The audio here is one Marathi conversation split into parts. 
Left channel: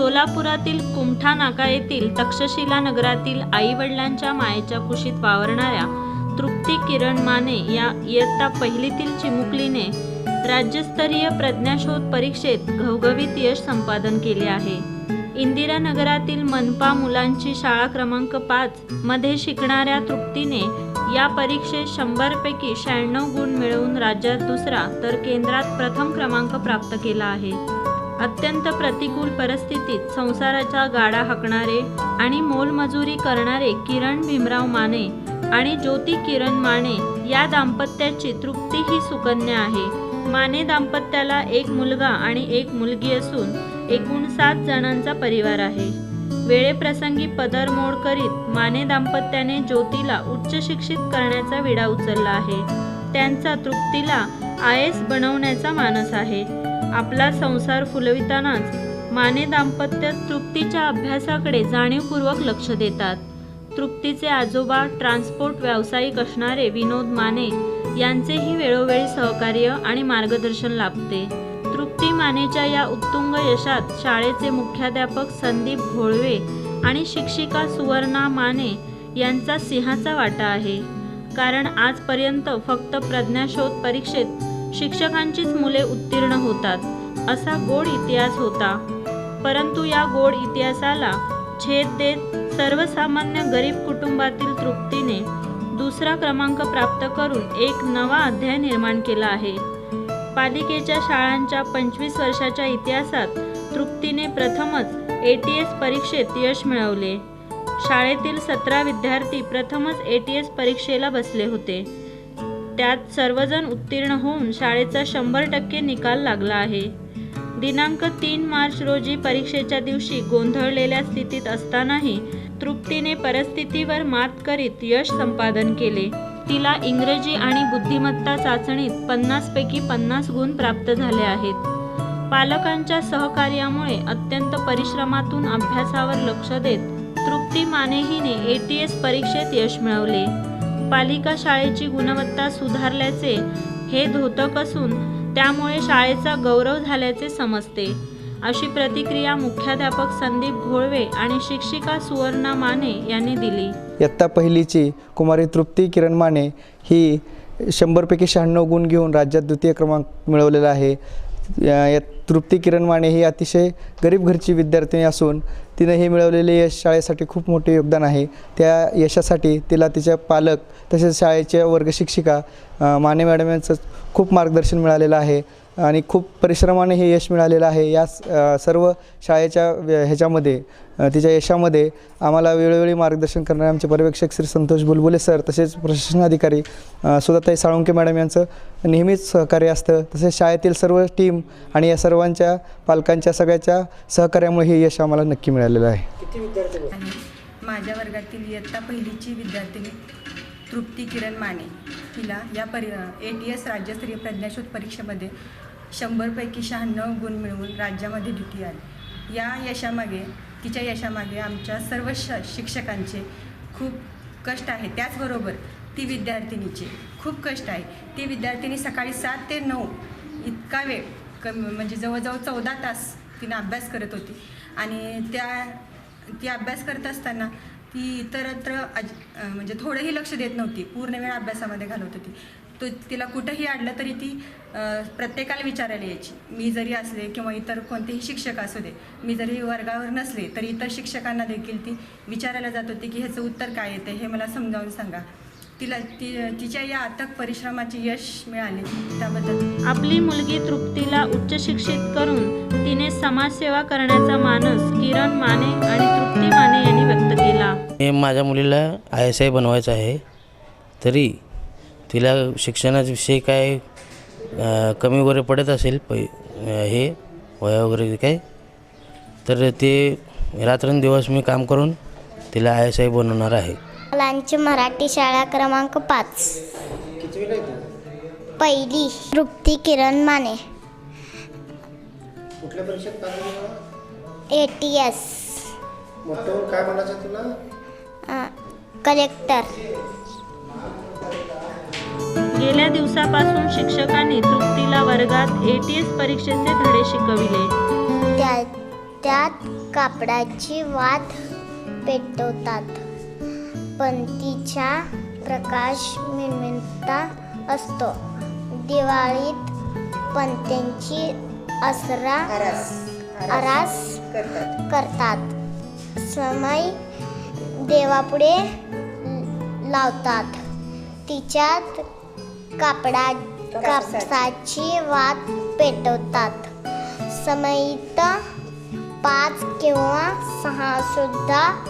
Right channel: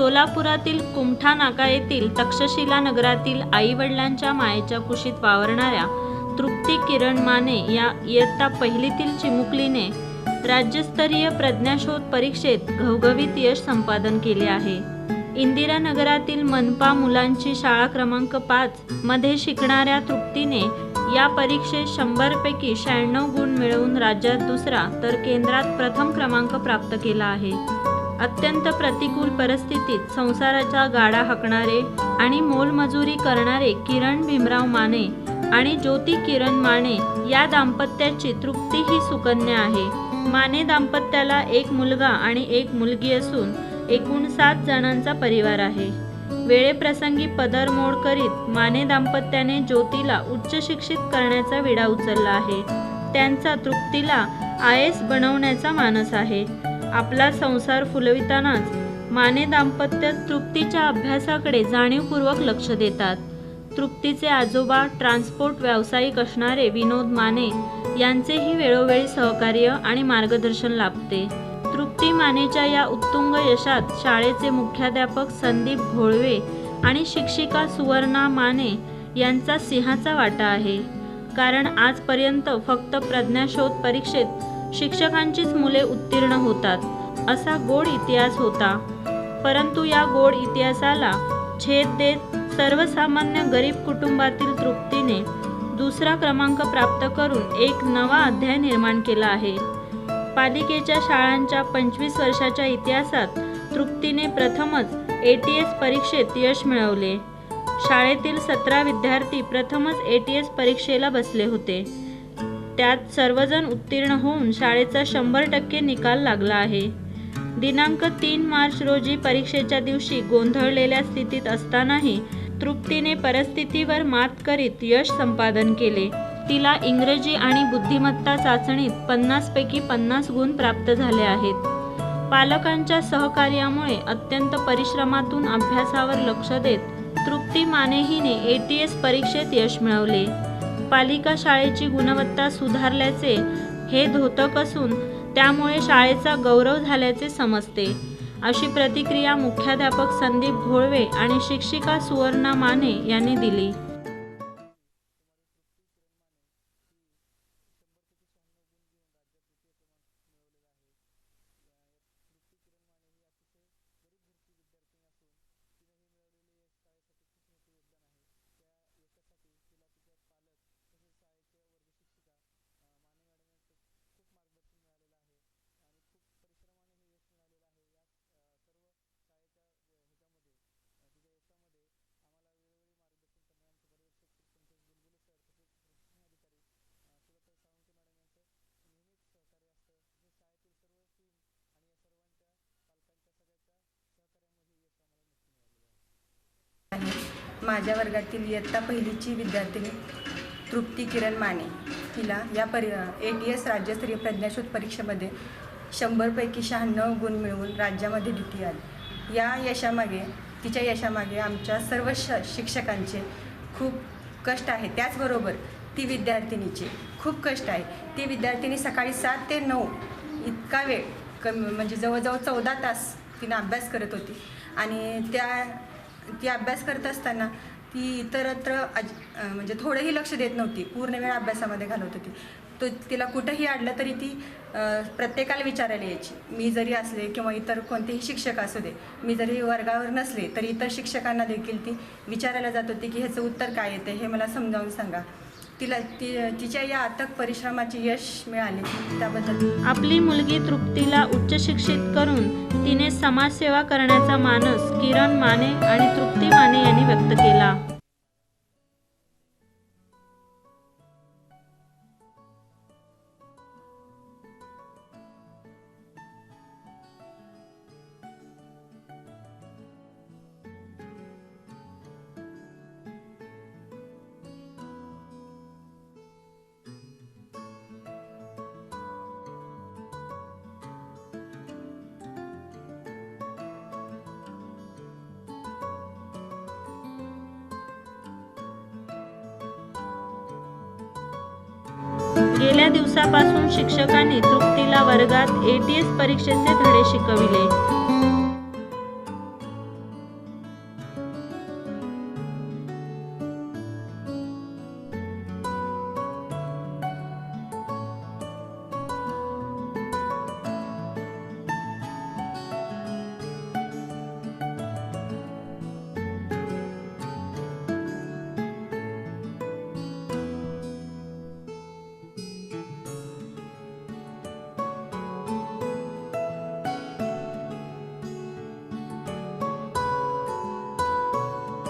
सोलापुरातील कुमठा नाका येथील तक्षशिला नगरातील आईवडिलांच्या मायेच्या कुशीत वावरणाऱ्या तृप्ती किरण माने या इयत्ता पहिलीतील चिमुकलीने राज्यस्तरीय प्रज्ञाशोध परीक्षेत घवघवीत यश संपादन केले आहे. इंदिरा नगरातील मनपा मुलांची शाळा क्रमांक पाच मध्ये शिकणाऱ्या तृप्तीने या परीक्षेत शंभरपैकी शहाण्णव गुण मिळवून राज्यात दुसरा तर केंद्रात प्रथम क्रमांक प्राप्त केला आहे. अत्यंत प्रतिकूल परिस्थितीत संसाराचा गाडा हाकणारे आणि मोलमजुरी करणारे किरण भीमराव माने आणि ज्योती किरण माने या दाम्पत्याची तृप्ती ही सुकन्या आहे. माने दाम्पत्याला एक मुलगा आणि एक मुलगी असून एकूण सात जणांचा परिवार आहे. वेळेप्रसंगी पदरमोड करीत माने दाम्पत्याने ज्योतीला उच्च शिक्षित करण्याचा विडा उचलला आहे. त्यांचा तृप्तीला आय एस बनवण्याचा मानस आहे. आपला संसार फुलवितानाच माने दाम्पत्य तृप्तीच्या अभ्यासाकडे जाणीवपूर्वक लक्ष देतात. तृप्तीचे आजोबा ट्रान्सपोर्ट व्यावसायिक असणारे विनोद माने यांचेही वेळोवेळी सहकार्य आणि मार्गदर्शन लाभते. तृप्ती मानेच्या या उत्तुंग यशात शाळेचे मुख्याध्यापक संदीप घोळवे आणि शिक्षिका सुवर्णा माने यांचा सिंहाचा वाटा आहे. कारण आजपर्यंत फक्त प्रज्ञाशोध परीक्षेत शिक्षकांचीच मुले उत्तीर्ण होतात असा गोड इतिहास होता. परंतु या गोड इतिहासाला छेद देत सर्वसामान्य गरीब कुटुंबातील तृप्तीने दुसरा क्रमांक प्राप्त करून एक नवा अध्याय निर्माण केला आहे. पालिकेच्या शाळांच्या पंचवीस वर्षाच्या इतिहासात तृप्तीने प्रथमच ए टी एस परीक्षेत यश मिळवले. शाळेतील सतरा विद्यार्थी प्रथमच ए टी एस परीक्षेला बसले होते. त्यात सर्वजण उत्तीर्ण होऊन शाळेचा शंभर टक्के निकाल लागला आहे. दिनांक तीन मार्च रोजी परीक्षेच्या दिवशी गोंधळलेल्या स्थितीत असतानाही तृप्तीने परिस्थितीवर मात करीत यश संपादन केले. तिला इंग्रजी आणि बुद्धिमत्ता चाचणीत पन्नासपैकी पन्नास गुण प्राप्त झाले आहेत. पालकांच्या सहकार्यामुळे अत्यंत परिश्रमातून अभ्यासावर लक्ष देत तृप्ती माने हिने ए टी एस परीक्षेत यश मिळवले. पालिका शाळेची गुणवत्ता सुधारल्याचे हे धोतक असून त्यामुळे शाळेचा गौरव झाल्याचे समजते. अशी प्रतिक्रिया मुख्याध्यापक संदीप घोळवे आणि शिक्षिका सुवर्णा माने यांनी दिली. इयत्ता पहिलीची कुमारी तृप्ती किरण माने ही शंभरपैकी शहाण्णव गुण घेऊन राज्यात द्वितीय क्रमांक मिळवलेला आहे. या या तृप्ती किरण माने ही अतिशय गरीब घरची विद्यार्थिनी असून तिनं हे मिळवलेले यश शाळेसाठी खूप मोठे योगदान आहे. त्या यशासाठी तिला तिच्या पालक तसेच शाळेच्या वर्गशिक्षिका माने मॅडम यांचं खूप मार्गदर्शन मिळालेलं आहे. आणि खूप परिश्रमाने हे यश मिळालेलं आहे. या सर्व शाळेच्या ह्याच्यामध्ये तिच्या यशामध्ये आम्हाला वेळोवेळी मार्गदर्शन करणारे आमचे पर्यवेक्षक श्री संतोष बुलबुले सर तसेच प्रशासन अधिकारी सुधाताई साळुंके मॅडम यांचं नेहमीच सहकार्य असतं. तसेच शाळेतील सर्व टीम आणि या सर्वांच्या पालकांच्या सगळ्याच्या सहकार्यामुळे हे यश आम्हाला नक्की मिळालेलं आहे. आणि माझ्या वर्गातील इयत्ता पहिलीची विद्यार्थिनी तृप्ती किरण माने. तिला या परि ए टी एस राज्यस्तरीय प्रज्ञाशोध परीक्षेमध्ये शंभरपैकी शहाण्णव गुण मिळवून राज्यामध्ये द्वितीय आली. या यशामागे तिच्या यशामागे आमच्या सर्व श शिक्षकांचे खूप कष्ट आहे. त्याचबरोबर ती विद्यार्थिनीचे खूप कष्ट आहे. ती विद्यार्थिनी सकाळी सात ते नऊ इतका वेळ कमी म्हणजे जवळजवळ चौदा तास तिनं अभ्यास करत होती. आणि त्या ती अभ्यास करत असताना ती इतरत्र अज म्हणजे थोडंही लक्ष देत नव्हती. पूर्ण वेळ अभ्यासामध्ये घालवत होती. तो तिला कुठंही अडलं तरी ती प्रत्येकाला विचारायला यायची. मी जरी असले किंवा इतर कोणतेही शिक्षक असू दे मी जरी वर्गावर नसले तरी इतर शिक्षकांना देखील ती विचारायला जात होती की ह्याचं उत्तर काय येते हे मला समजावून सांगा. तिला ती तिच्या या अथक परिश्रमाचे यश मिळाले. त्याबद्दल आपली मुलगी तृप्तीला उच्च शिक्षित करून तिने समाजसेवा करण्याचा मानस किरण माने आणि तृप्ती माने यांनी व्यक्त केला मी माझ्या मुलीला आय एस आय बनवायचं आहे. तरी तिला शिक्षणाच्या विषयी काय अ, कमी वगैरे पडत असेल पै अ, हे वया वगैरे काय तर ते रात्रंदिवस मी काम करून तिला आय एस आय बनवणार आहे. मुलांची मराठी शाळा क्रमांक पाच. पहिली Trupti Kiran Mane. A T S. Collector गेल्या दिवसापासून शिक्षकांनी तृप्तीला वर्गात ए टी एस परीक्षेचे धडे शिकविले. त्या त्यात कापडाची वात पेटवतात पंतीचा प्रकाश मिळमिळता असतो. दिवाळीत पंत्यांची असरा आरास करतात. समय देवापुढे लावतात. तिच्यात कापडा कापसाची वात पेटवतात. समयीत पाच किंवा सहा सुद्धा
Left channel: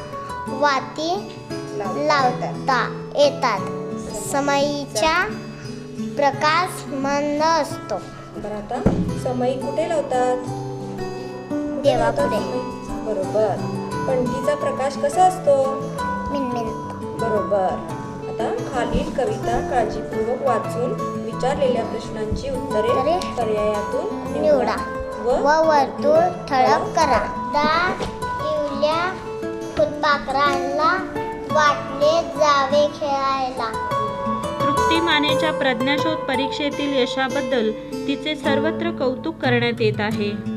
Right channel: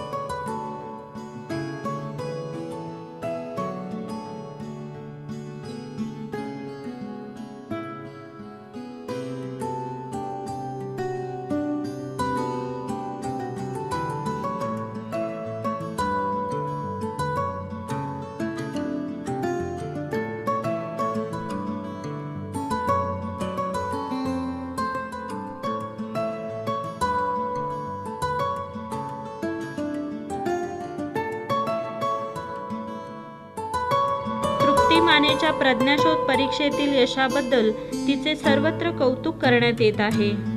वाती लावता येतात. समयीचा प्रकाश मंद असतो. बरं आता समई कुठे लावतात? देवापुढे. बरोबर. पणतीचा प्रकाश कसा असतो? मिनमिन. बरोबर. आता खालील कविता काळजीपूर्वक वाचून विचारलेल्या प्रश्नांची उत्तरे पर्यायातून निवडा. व व वर्तुळ ठळक करा. इवल्या फुलपाखरांना वाटले जावे खेळायला. तृप्ती मानेच्या प्रज्ञाशोध परीक्षेतील यशाबद्दल तिचे सर्वत्र कौतुक करण्यात येत आहे.